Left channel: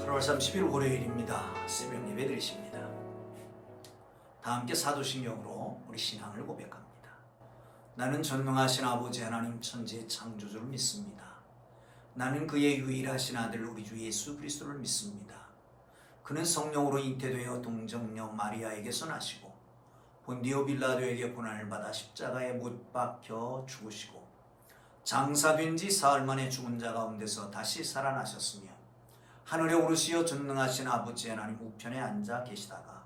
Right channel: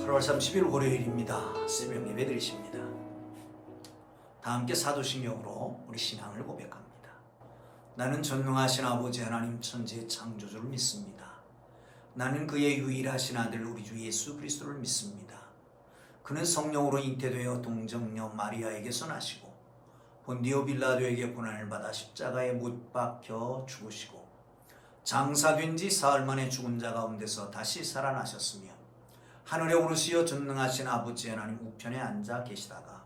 8월 30일 월요일입니다. 새벽 예배 드리십니다. 다 함께 사도신경으로 우리 신앙을 고백합니다. 나는 전능하신 아버지 하나님 천지의 창조주를 믿습니다. 나는 그의 유일하신 아들 우리 주 예수 그리스도를 믿습니다. 그는 성령으로 잉태되어 동정녀 마리아에게서 나시고 본디오 빌라도에게 고난을 받아 십자가에 못 박혀 죽으시고 장사된 지 사흘 만에 죽은 자 가운데서 다시 살아나셨으며 하늘에 오르시어 전능하신 아버지 하나님 우편에 앉아 계시다가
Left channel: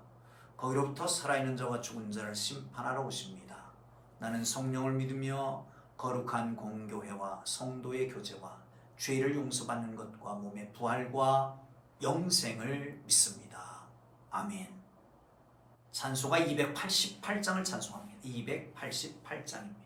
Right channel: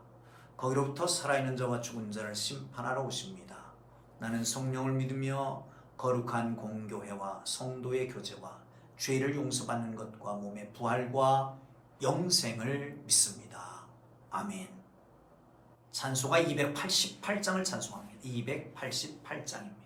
거기로부터 살아있는 자와 죽은 자를 심판하러 오십니다. 나는 성령을 믿으며 거룩한 공교회와 성도의 교제와 죄를 용서받는 것과 몸의 부활과 영생을 믿습니다. 아멘. 찬송가 288장을 찬송합니다. 288장입니다.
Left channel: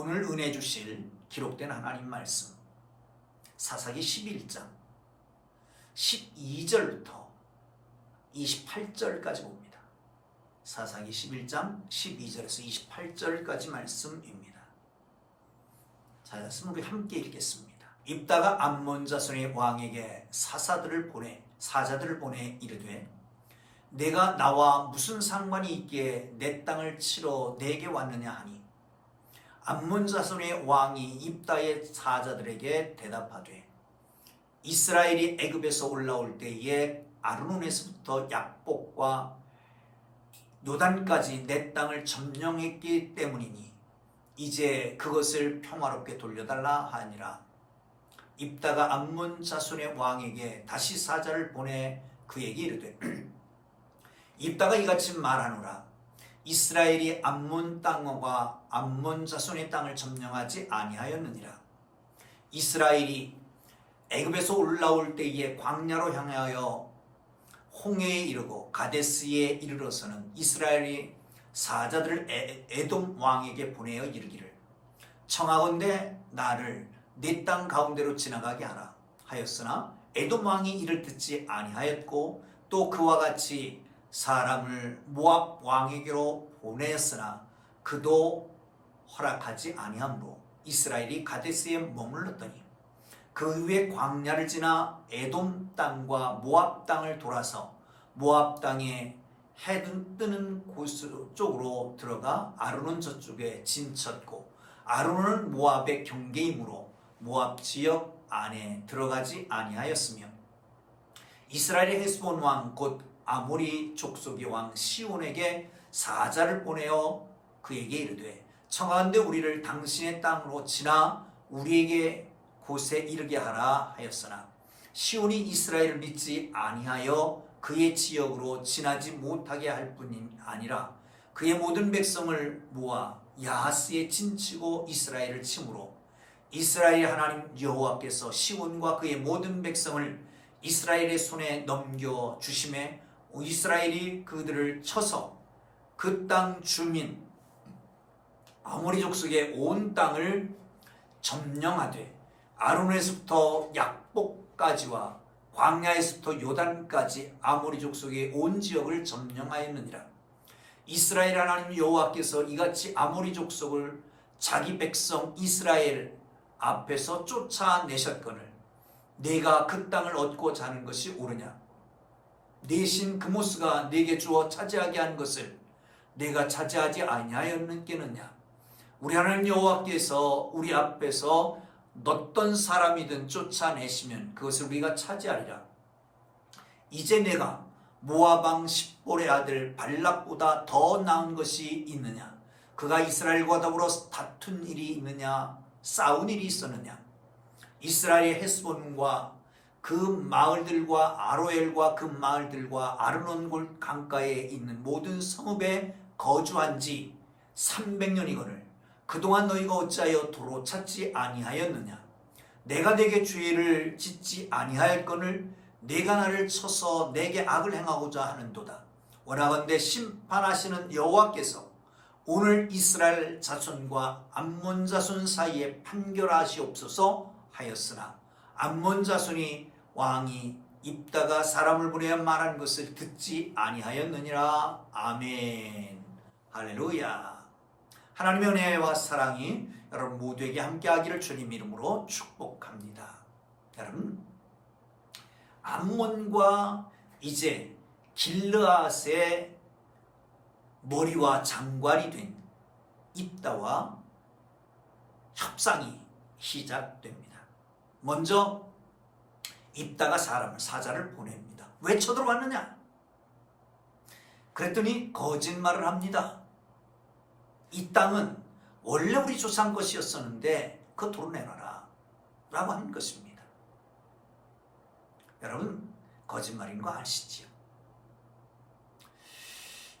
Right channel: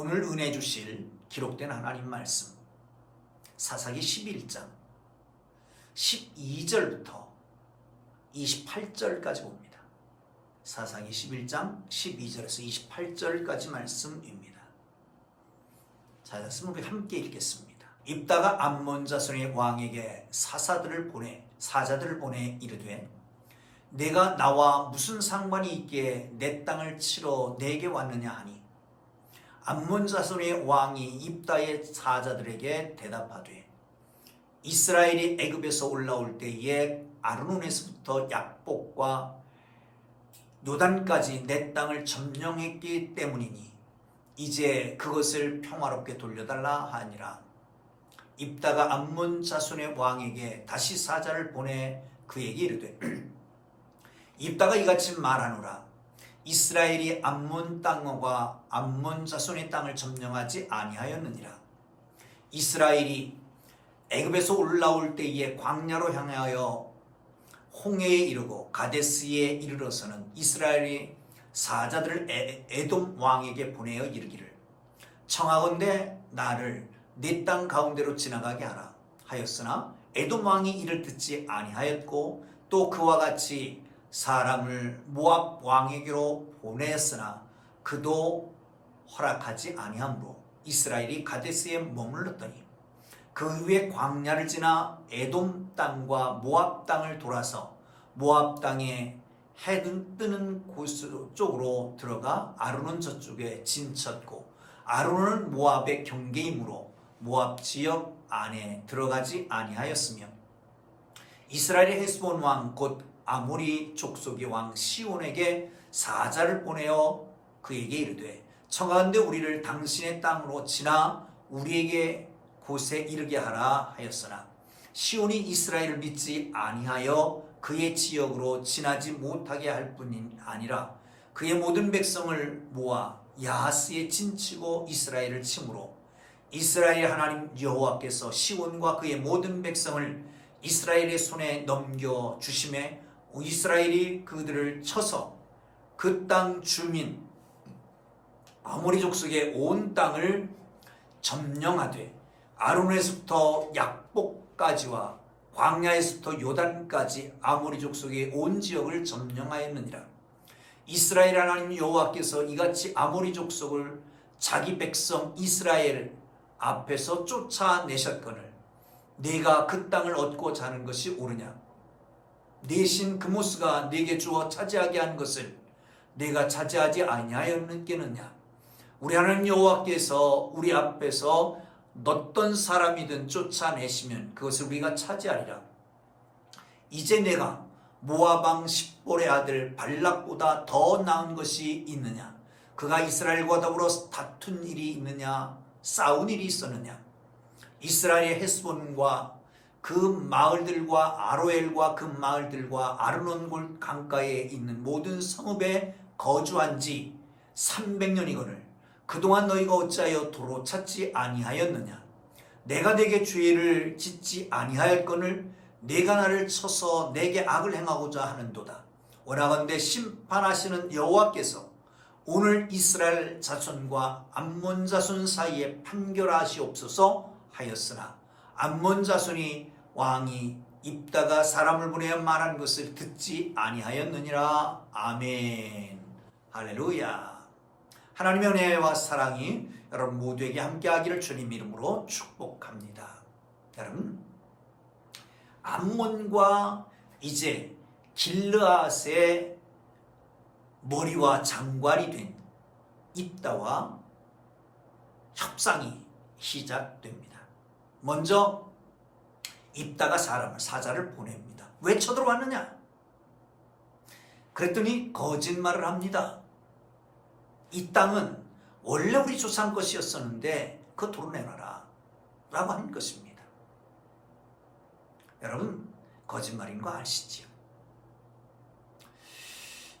오늘 은혜 주실 기록된 하나님 말씀 사사기 11장 12절부터 28절까지 봅니다. 사사기 11장 12절에서 28절까지 말씀입니다. 자, 말씀 우리 함께 읽겠습니다. 입다가 암몬 자손의 왕에게 사자들을 보내 이르되 내가 나와 무슨 상관이 있기에 내 땅을 치러 내게 왔느냐 하니 암몬 자손의 왕이 입다의 사자들에게 대답하되 이스라엘이 애굽에서 올라올 때에 아르논에서부터 약복과 요단까지 내 땅을 점령했기 때문이니 이제 그것을 평화롭게 돌려달라 하니라. 입다가 암몬 자손의 왕에게 다시 사자를 보내 그에게 이르되 입다가 이같이 말하노라. 이스라엘이 암몬 땅과 암몬 자손의 땅을 점령하지 아니하였느니라. 이스라엘이 애굽에서 올라올 때에 광야로 향하여 홍해에 이르고 가데스에 이르러서는 이스라엘이 사자들을 에돔 왕에게 보내어 이르기를 청하건대 나를 네 땅 가운데로 지나가게 하라 하였으나 에돔 왕이 이를 듣지 아니하였고 또 그와 같이 사람을 모압 왕에게로 보냈으나 그도 허락하지 아니하므로 이스라엘이 가데스에 머물렀더니 그 후에 광야를 지나 에돔 땅과 모압 땅을 돌아서 모압 땅에 해 뜨는 곳 쪽으로 들어가 아르논 저쪽에 진쳤고 아르논은 모압의 경계이므로 모압 지역 안에 들어가지 아니하였으며 이스라엘의 헤스본 왕 곧 아모리 족속의 왕 시온에게 사자를 보내어 그에게 이르되 청하건대 우리를 당신의 땅으로 지나 우리에게 곳에 이르게 하라 하였으나 시온이 이스라엘을 믿지 아니하여 그의 지역으로 지나지 못하게 할 뿐이 아니라 그의 모든 백성을 모아 야하스에 진치고 이스라엘을 치므로 이스라엘 하나님 여호와께서 시온과 그의 모든 백성을 이스라엘의 손에 넘겨 주심에 이스라엘이 그들을 쳐서 그 땅 주민 아모리 족속의 온 땅을 점령하되 아르논에서부터 약복까지와 광야에서부터 요단까지 아모리 족속의 온 지역을 점령하였느니라. 이스라엘 하나님 여호와께서 이같이 아모리 족속을 자기 백성 이스라엘 앞에서 쫓아내셨거늘 내가 그 땅을 얻고자 하는 것이 옳으냐? 내 신 그모스가 내게 주어 차지하게 한 것을 내가 차지하지 아니하였느냐? 우리 하나님 여호와께서 우리 앞에서 어떤 사람이든 쫓아내시면 그것을 우리가 차지하리라. 이제 내가 모압 왕 십볼의 아들 발락보다 더 나은 것이 있느냐? 그가 이스라엘과 더불어 다툰 일이 있느냐? 싸운 일이 있었느냐? 이스라엘의 헤스본과 그 마을들과 아로엘과 그 마을들과 아르논 강가에 있는 모든 성읍에 거주한 지 300년이거늘 그동안 너희가 어찌하여 도로 찾지 아니하였느냐? 내가 내게 죄를 짓지 아니하였거늘 내가 나를 쳐서 내게 악을 행하고자 하는도다. 원하건대 심판하시는 여호와께서 오늘 이스라엘 자손과 암몬 자손 사이에 판결하시옵소서 하였으나 암몬 자손이 왕이 입다가 사람을 보내어 말한 것을 듣지 아니하였느니라. 아멘. 할렐루야. 하나님의 은혜와 사랑이 여러분 모두에게 함께하기를 주님 이름으로 축복합니다. 여러분 암몬과 이제 길르앗의 머리와 장관이 된 입다와 협상이 시작됩니다. 먼저 입다가 사자를 보냅니다. 왜 쳐들어왔느냐? 그랬더니 거짓말을 합니다. 이 땅은 원래 우리 조상 것이었었는데 그거 도려내놔라 라고 한 것입니다. 여러분 거짓말인 거 아시지요?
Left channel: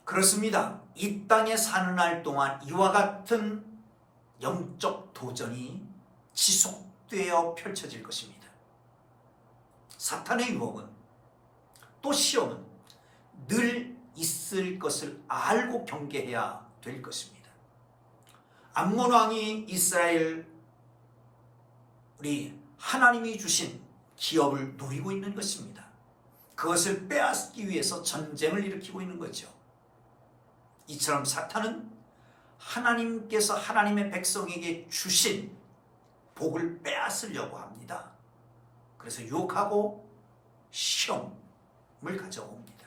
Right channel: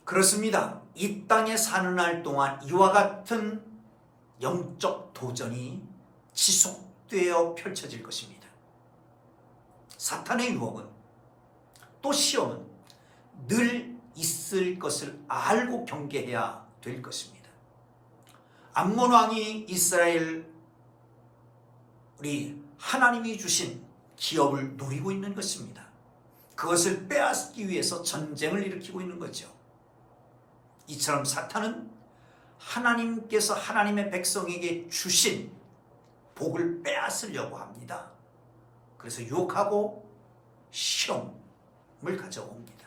그렇습니다. 이 땅에 사는 날 동안 이와 같은 영적 도전이 지속되어 펼쳐질 것입니다. 사탄의 유혹은 또 시험은 늘 있을 것을 알고 경계해야 될 것입니다. 암몬 왕이 이스라엘 우리 하나님이 주신 기업을 노리고 있는 것입니다. 그것을 빼앗기 위해서 전쟁을 일으키고 있는 거죠. 이처럼 사탄은 하나님께서 하나님의 백성에게 주신 복을 빼앗으려고 합니다. 그래서 유혹하고 시험을 가져옵니다.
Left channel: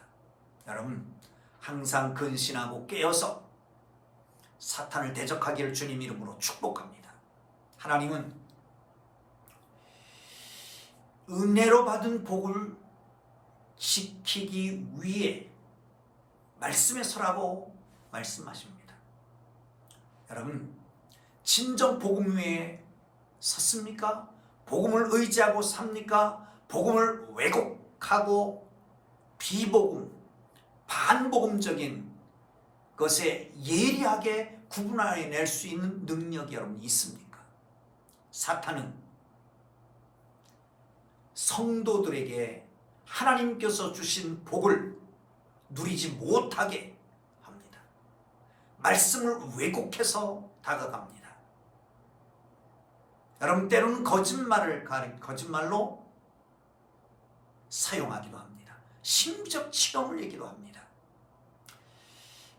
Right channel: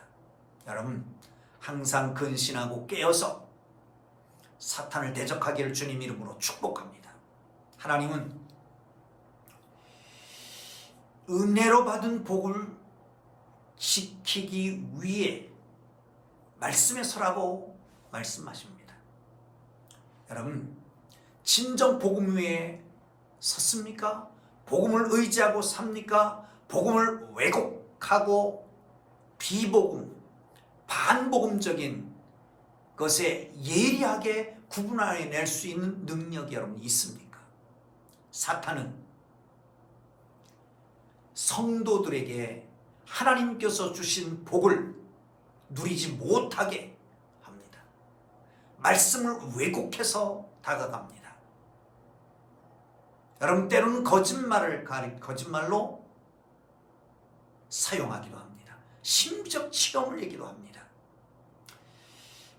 여러분 항상 근신하고 깨어서 사탄을 대적하기를 주님 이름으로 축복합니다. 하나님은 은혜로 받은 복을 지키기 위해 말씀에 서라고 말씀하십니다. 여러분, 진정 복음 위에 섰습니까? 복음을 의지하고 삽니까? 복음을 왜곡하고 비복음, 반복음적인 것에 예리하게 구분해낼 수 있는 능력이 여러분 있습니까? 사탄은 성도들에게 하나님께서 주신 복을 누리지 못하게 합니다. 말씀을 왜곡해서 다가갑니다. 여러분, 때로는 거짓말로 사용하기도 합니다. 심적 치료를 얘기도 합니다.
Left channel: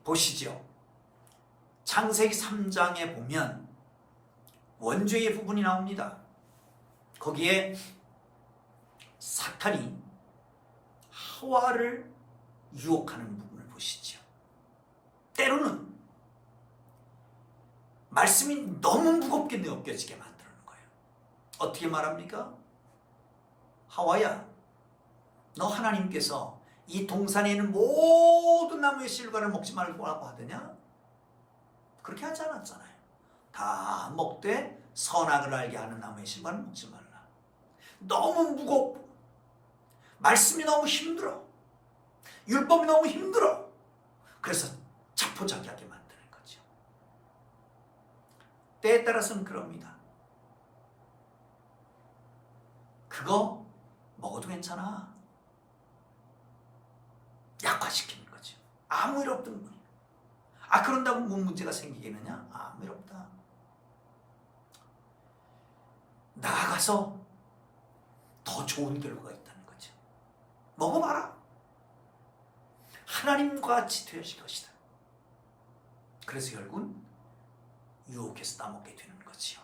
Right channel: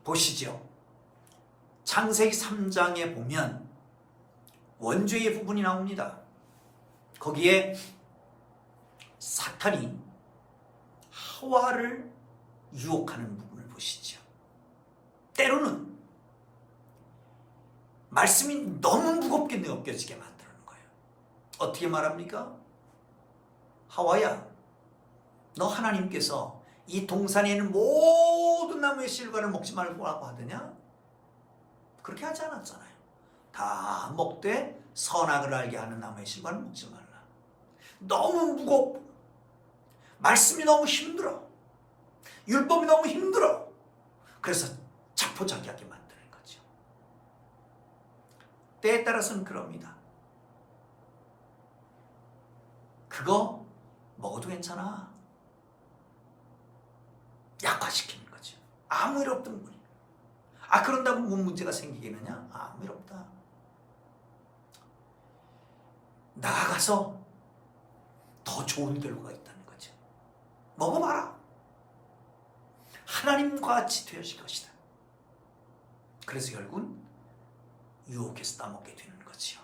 보시죠. 창세기 3장에 보면 원죄의 부분이 나옵니다. 거기에 사탄이 하와를 유혹하는 부분을 보시죠. 때로는 말씀이 너무 무겁게 느껴지게 만드는 거예요. 어떻게 말합니까? 하와야, 너 하나님께서 이 동산에 있는 모든 나무의 실과를 먹지 말고 하더냐? 그렇게 하지 않았잖아요. 다 먹되 선악을 알게 하는 나무의 실과는 먹지 말라. 너무 무겁고 말씀이 너무 힘들어. 율법이 너무 힘들어. 그래서 자포자기하게 만드는 거죠. 때에 따라서는 그럽니다. 그거 먹어도 괜찮아. 약화시키는 거죠. 아무 일 없던 분이. 그런다고 뭔 문제가 생기겠느냐? 아무 일 없다. 나아가서 더 좋은 결과가 있다는 거죠. 먹어봐라. 하나님과 같이 되실 것이다. 그래서 결국은 유혹해서 따먹게 되는 거지요.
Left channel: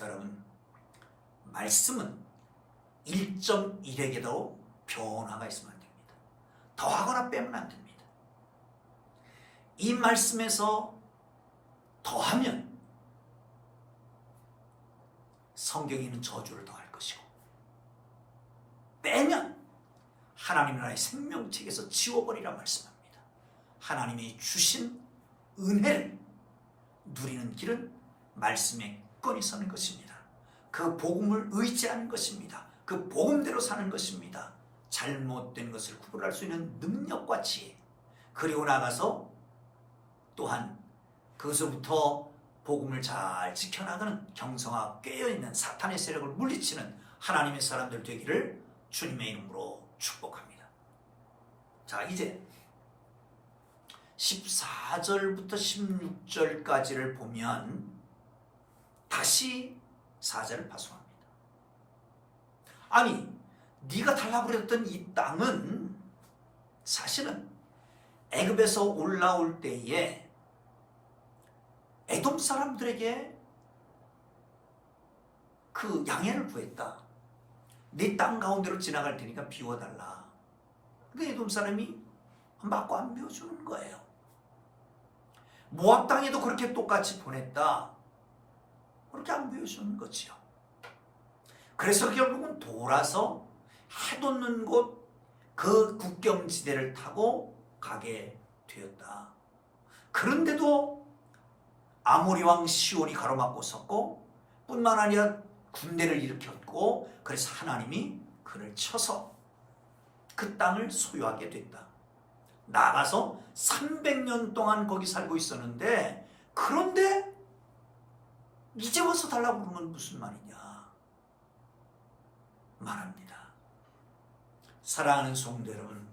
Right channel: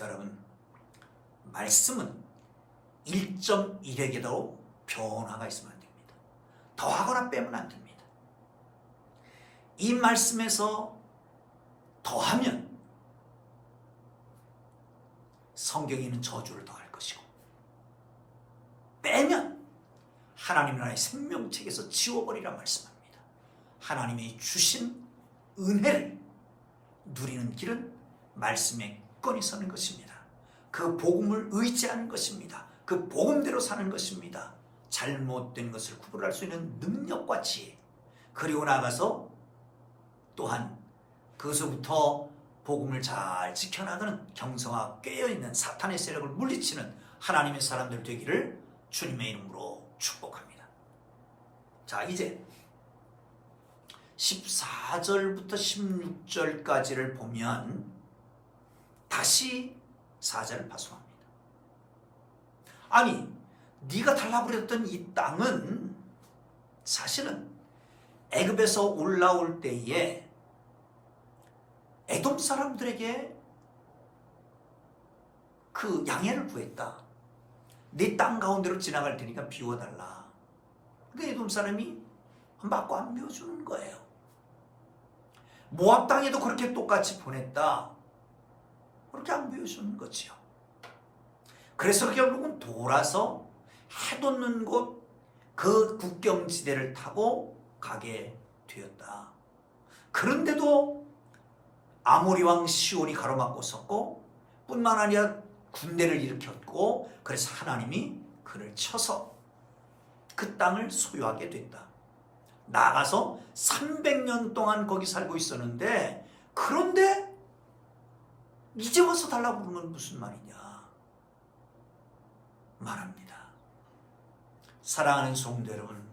여러분, 말씀은 1.1에게도 변화가 있으면 안 됩니다. 더하거나 빼면 안 됩니다. 이 말씀에서 더하면 성경에 있는 저주를 더할 것이고, 빼면 하나님 나라의 생명책에서 지워버리라 말씀합니다. 하나님이 주신 은혜를 누리는 길은 말씀에 굳건히 서는 것입니다. 그 복음을 의지하는 것입니다. 그 복음대로 사는 것입니다. 잘못된 것을 구분할 수 있는 능력과 지혜, 그리고 나가서 또한 그것부터 복음을 잘 지켜나가는 경성하고 깨어있는 사탄의 세력을 물리치는 하나님의 사람들 되기를 주님의 이름으로 축복합니다. 자, 이제 14절부터 16절까지를 보면 다시 사자를 파송합니다. 아니, 네가 달라고 그랬던 이 땅은 사실은 애굽에서 올라올 때에 에돔 사람들에게 그 양해를 구했다. 네 땅 가운데로 지나갈 테니까 비워달라. 그러니까 에돔 사람이 맞고 안 비워주는 거예요. 모압 땅에도 그렇게 똑같이 보냈다. 그렇게 안 비워주는 거지요. 그래서 결국은 돌아서 해돋는 곳 그 국경지대를 타고 가게 되었다. 그런데도 아모리 왕 시온이 가로막고 섰고, 뿐만 아니라 군대를 일으켰고, 그래서 하나님이 그를 쳐서 그 땅을 소유하게 됐다. 나가서 300년 동안 거기 살고 있었는데, 그런데 이제 와서 달라고 그러는 건 무슨 말이냐 말합니다. 사랑하는 성도 여러분,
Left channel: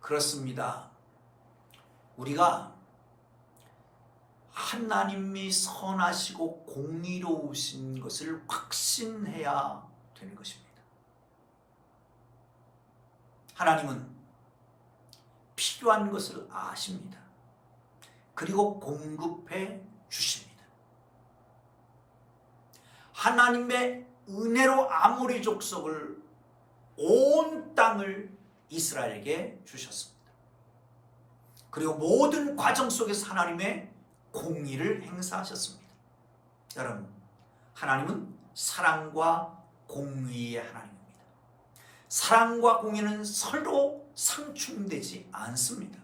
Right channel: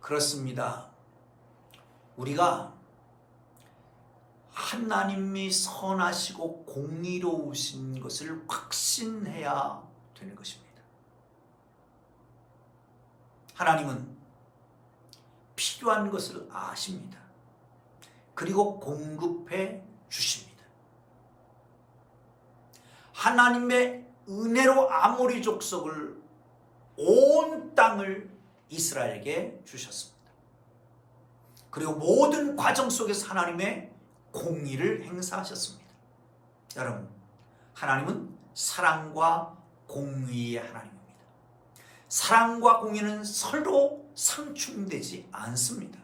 그렇습니다. 우리가 하나님이 선하시고 공의로우신 것을 확신해야 되는 것입니다. 하나님은 필요한 것을 아십니다. 그리고 공급해 주십니다. 하나님의 은혜로 아모리 족속을, 온 땅을 이스라엘에게 주셨습니다. 그리고 모든 과정 속에서 하나님의 공의를 행사하셨습니다. 여러분, 하나님은 사랑과 공의의 하나님입니다. 사랑과 공의는 서로 상충되지 않습니다.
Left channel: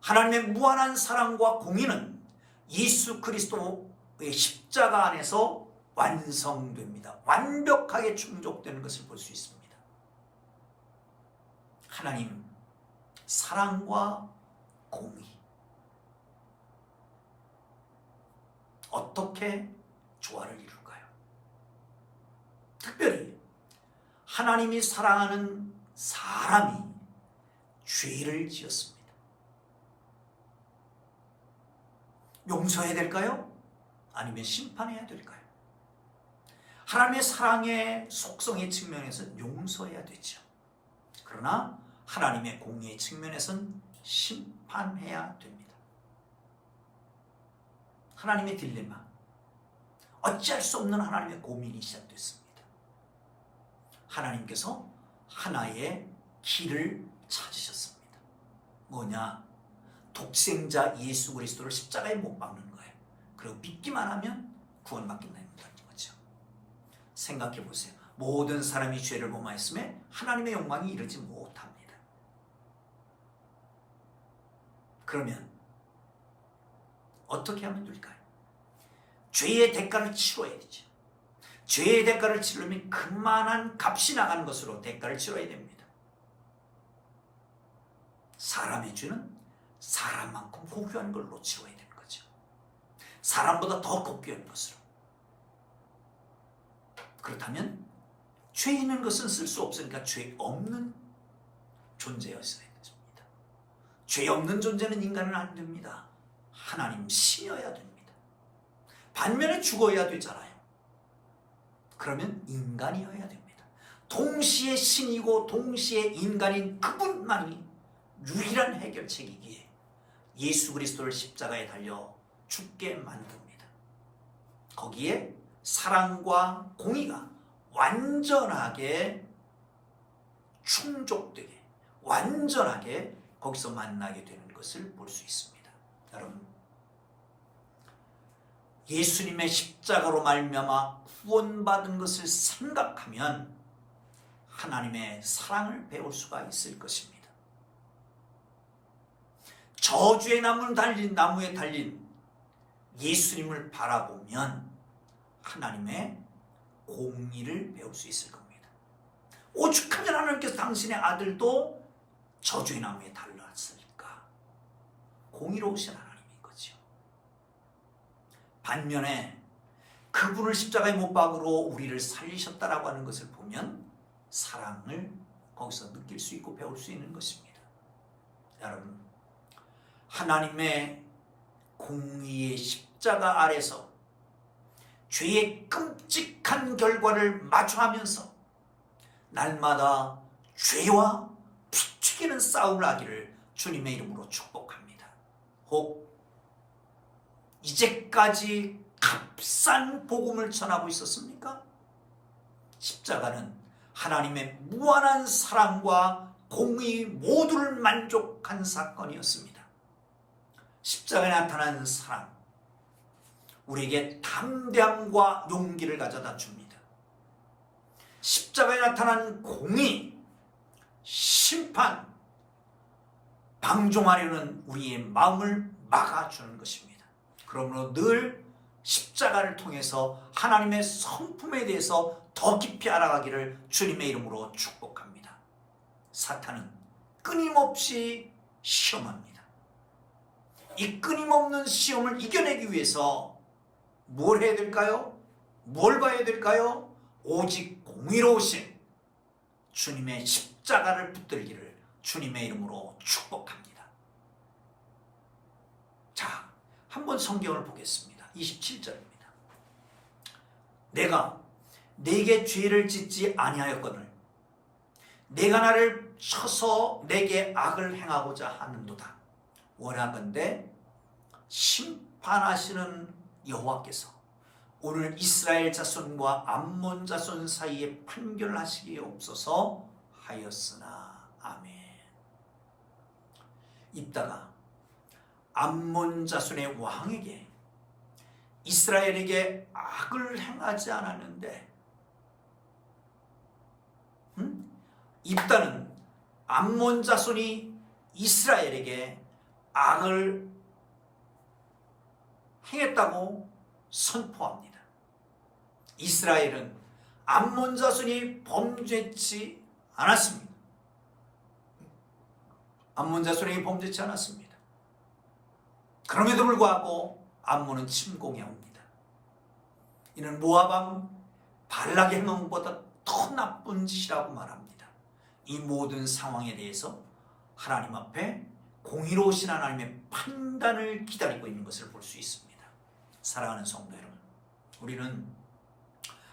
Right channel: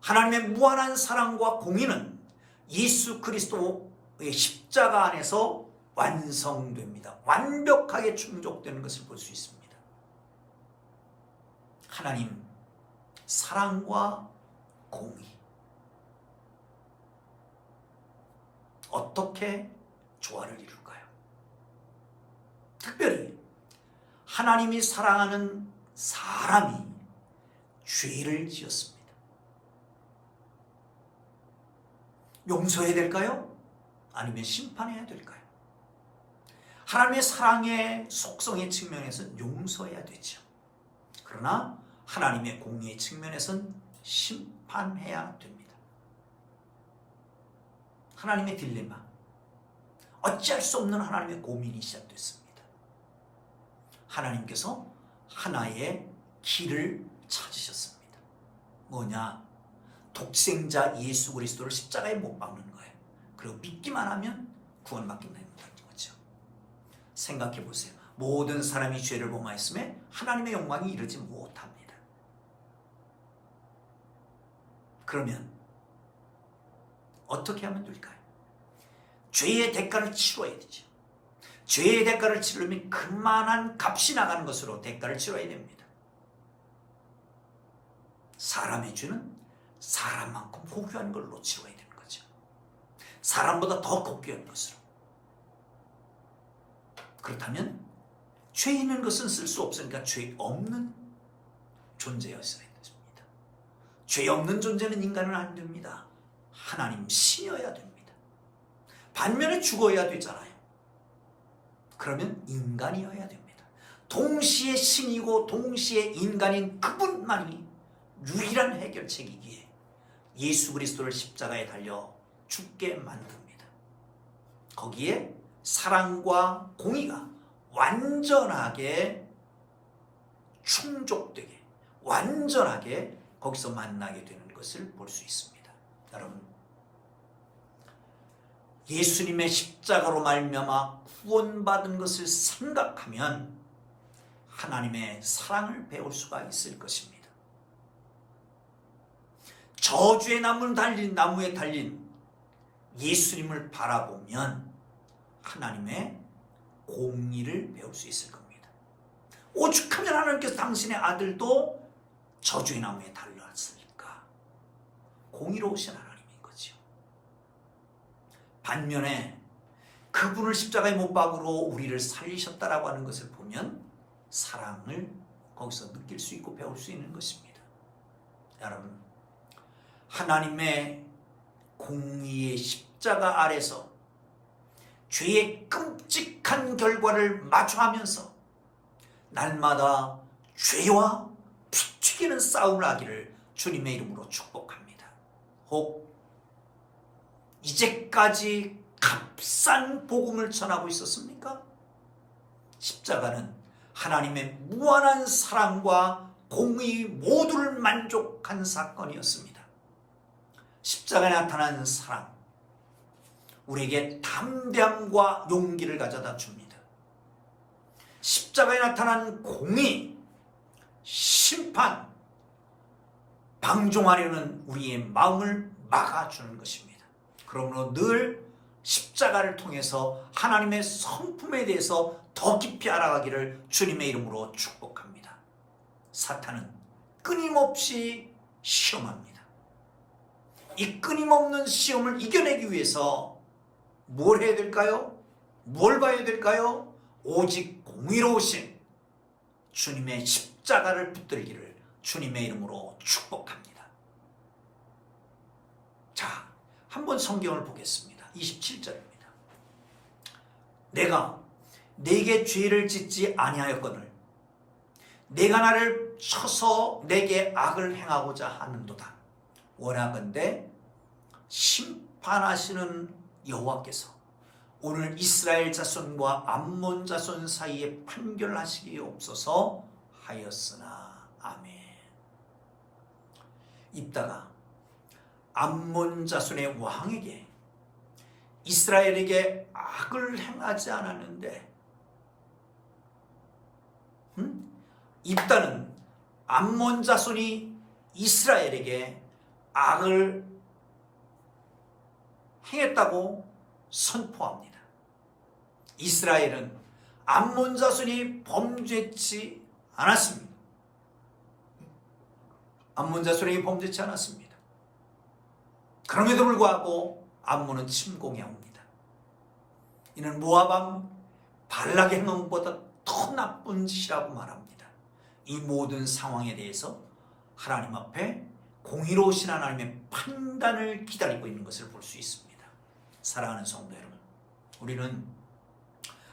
하나님의 무한한 사랑과 공의는 예수 그리스도의 십자가 안에서 완성됩니다. 완벽하게 충족되는 것을 볼 수 있습니다. 하나님 사랑과 공의, 어떻게 조화를 이룰까요? 특별히 하나님이 사랑하는 사람이 죄를 지었습니다. 용서해야 될까요? 아니면 심판해야 될까요? 하나님의 사랑의 속성의 측면에서는 용서해야 되죠. 그러나 하나님의 공의의 측면에서는 심판해야 됩니다. 하나님의 딜레마, 어찌할 수 없는 하나님의 고민이 시작됐습니다. 하나님께서 하나의 길을 찾으셨습니다. 뭐냐? 독생자 예수 그리스도를 십자가에 못 박는 거예요. 그리고 믿기만 하면 구원받는다는 거죠. 생각해 보세요. 모든 사람이 죄를 범하였음에 하나님의 영광이 이르지 못합니다. 그러면 어떻게 하면 될까요? 죄의 대가를 치러야 되죠. 죄의 대가를 치르려면 그만한 값이 나가는 것으로 대가를 치러야 됩니다. 사람의 죄는 사람만큼 고귀한 걸로 치러야 되는 거죠. 사람보다 더 고귀한 것으로. 그렇다면 죄 있는 것은 쓸 수 없으니까 죄 없는 존재였어야 됩니다. 죄 없는 존재는 인간은 안 됩니다. 하나님 신이어야 됩니다. 반면에 죽어야 되잖아요. 그러면 인간이어야 됩니다. 동시에 신이고 동시에 인간인 그분만이 유일한 해결책이기에 예수 그리스도를 십자가에 달려 죽게 만듭니다. 거기에 사랑과 공의가 완전하게 충족되게, 완전하게 거기서 만나게 되는 것을 볼 수 있습니다. 여러분, 예수님의 십자가로 말미암아 구원받은 것을 생각하면 하나님의 사랑을 배울 수가 있을 것입니다. 저주의 나무에 달린 예수님을 바라보면 하나님의 공의를 배울 수 있을 겁니다. 오죽하면 하나님께서 당신의 아들도 저주의 나무에 달렸을까? 공의로우신 하나님인 거죠. 반면에 그분을 십자가에 못 박으로 우리를 살리셨다라고 하는 것을 보면 사랑을 거기서 느낄 수 있고 배울 수 있는 것입니다. 여러분, 하나님의 공의의 십자가 아래서 죄의 끔찍한 결과를 마주하면서 날마다 죄와 피 튀기는 싸움을 하기를 주님의 이름으로 축복합니다. 혹 이제까지 값싼 복음을 전하고 있었습니까? 십자가는 하나님의 무한한 사랑과 공의 모두를 만족한 사건이었습니다. 십자가에 나타나는 사랑, 우리에게 담대함과 용기를 가져다 줍니다. 십자가에 나타난 공의, 심판, 방종하려는 우리의 마음을 막아주는 것입니다. 그러므로 늘 십자가를 통해서 하나님의 성품에 대해서 더 깊이 알아가기를 주님의 이름으로 축복합니다. 사탄은 끊임없이 시험합니다. 이 끊임없는 시험을 이겨내기 위해서 뭘 해야 될까요? 뭘 봐야 될까요? 오직 공의로우신 주님의 십자가를 붙들기를 주님의 이름으로 축복합니다. 자, 한번 성경을 보겠습니다. 27절입니다. 내가 내게 죄를 짓지 아니하였거늘 내가 나를 쳐서 내게 악을 행하고자 하는도다. 원하건대 심판하시는 여호와께서 오늘 이스라엘 자손과 암몬 자손 사이에 판결하시기옵소서 하였으나. 아멘. 입다가 암몬 자손의 왕에게 이스라엘에게 악을 행하지 않았는데 입다는 암몬 자손이 이스라엘에게 악을 행했다고 선포합니다. 이스라엘은 암몬 자손이 범죄치 않았습니다. 암몬 자손이 범죄치 않았습니다. 그럼에도 불구하고 암몬은 침공해 옵니다. 이는 모압 왕 발락의 행동보다 더 나쁜 짓이라고 말합니다. 이 모든 상황에 대해서 하나님 앞에 공의로우신 하나님의 판단을 기다리고 있는 것을 볼 수 있습니다. 사랑하는 성도 여러분, 우리는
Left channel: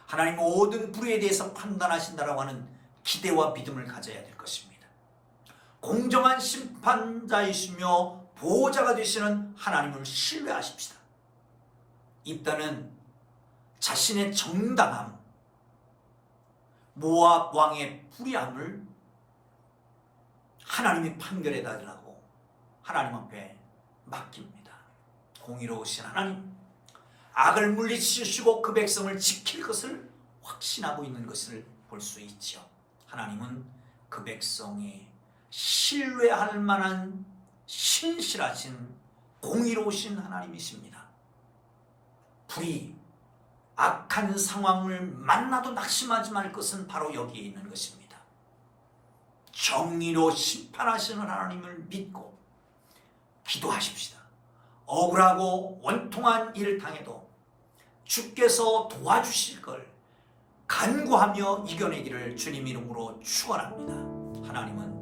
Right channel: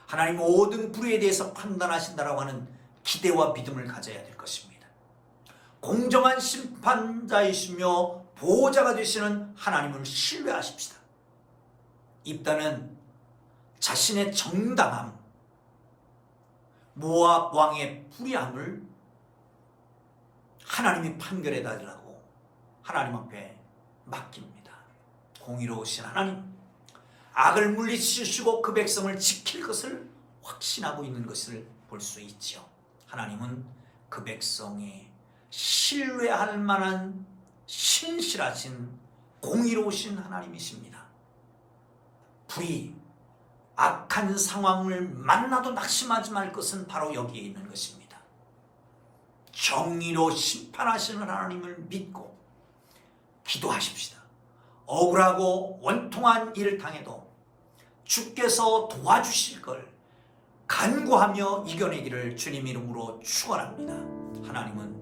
하나님 모든 불의에 대해서 판단하신다라고 하는 기대와 믿음을 가져야 될 것입니다. 공정한 심판자이시며 보호자가 되시는 하나님을 신뢰하십시다. 입다는 자신의 정당함, 모압 왕의 불의함을 하나님이 판결해 달라고 하나님 앞에 맡깁니다. 공의로우신 하나님, 악을 물리치시고 그 백성을 지킬 것을 확신하고 있는 것을 볼 수 있죠. 하나님은 그 백성이 신뢰할 만한 신실하신 공의로우신 하나님이십니다. 불의, 악한 상황을 만나도 낙심하지 말 것은 바로 여기에 있는 것입니다. 정의로 심판하시는 하나님을 믿고 기도하십시다. 억울하고 원통한 일을 당해도 주께서 도와주실 걸 간구하며 이겨내기를 주님 이름으로 축원합니다. 하나님은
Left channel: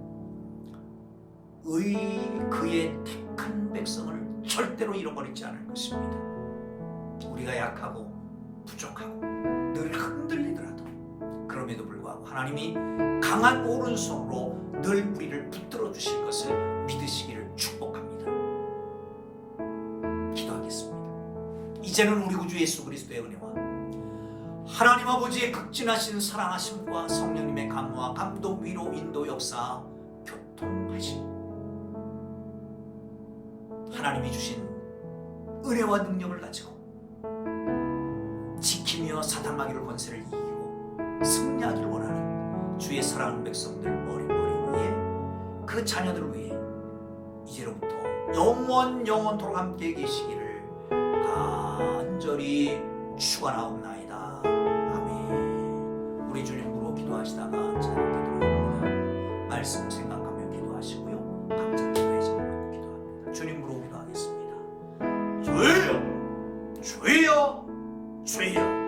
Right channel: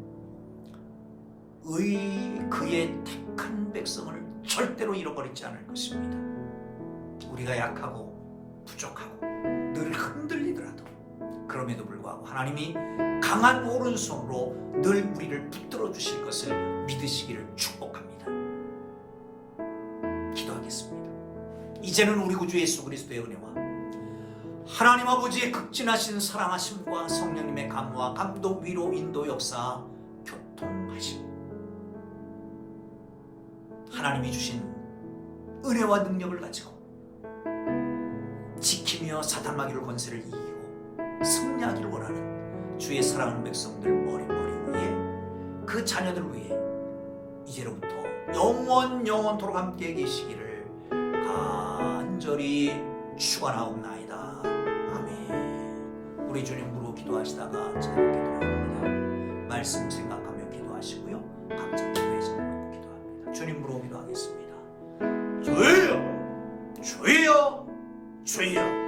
그의 택한 백성을 절대로 잃어버리지 않을 것입니다. 우리가 약하고 부족하고 늘 흔들리더라도 그럼에도 불구하고 하나님이 강한 오른손으로 늘 우리를 붙들어 주실 것을 믿으시기를 축복합니다. 기도하겠습니다. 이제는 우리 구주 예수 그리스도의 은혜와 하나님 아버지의 극진하신 사랑하심과 성령님의 감화, 감독, 위로, 인도, 역사, 교통하심, 하나님이 주신 은혜와 능력을 가지고 지키며 사탄마귀를 권세를 이기고 승리하기를 원하는 주의 사랑하는 백성들 머리 위에 그 자녀들을 위해 이제로부터 영원토록 함께 계시기를 간절히 축원하옵나이다. 아멘. 우리 주님으로 기도하시다가 자유롭게 돌아옵니다. 말씀 생각하며 기도하시고요. 각자 기도의 제목을 놓고 기도합니다. 주님으로 기도하겠습니다. 주여, 주여, 주여.